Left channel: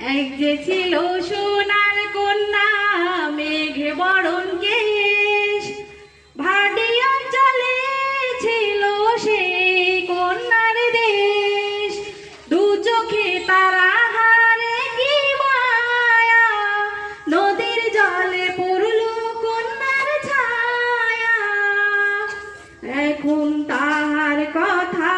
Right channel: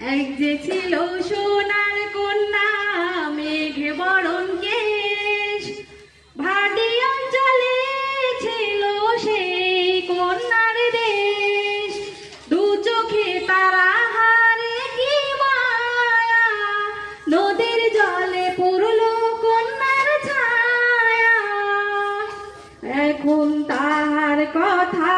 এক যে ছিল সোনার কন্যা, মেঘে বরণ কেশ। ভাটি অঞ্চলে ছিল সেই কন্যার দেশ। দু চোখে তারা হারে কি মায়া, নদীর জলে পড়ল কন্যার ছায়া। এখন তাহার কথা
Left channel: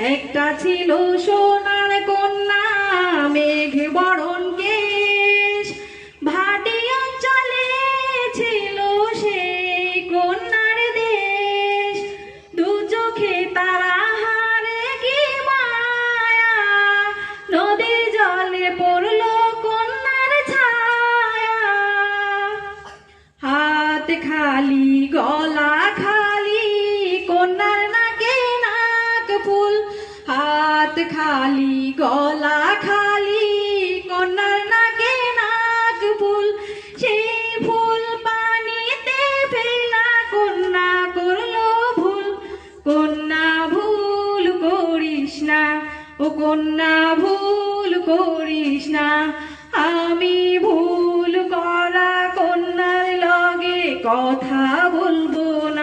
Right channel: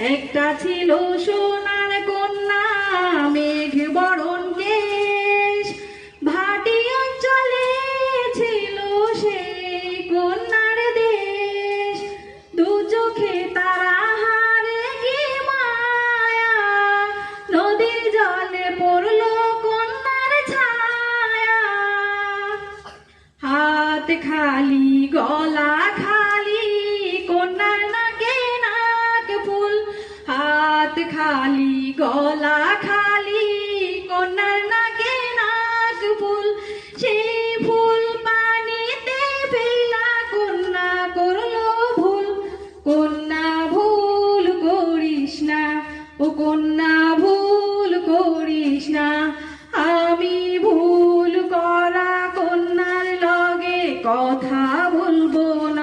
একটা ছিল সোনার কন্যা, মেঘ বরণ কেশ। ভাটি অঞ্চলে ছিল সেই কন্যার দেশ। দু চোখে তারা হারে কি মায়া। নদীর জলে পড়ল কন্যার ছায়া। হাত খালি, গলা খালি। খালি, গলা খালি, কন্যার নাকে নাক ফুল। সেই ফুল পানিতে ফেলা কন্যা করল ভুল। কন্যা ভুল করিস না, ও কন্যা ভুল করিস না। আমি ভুল করা কন্যার লগে কথা বলব না।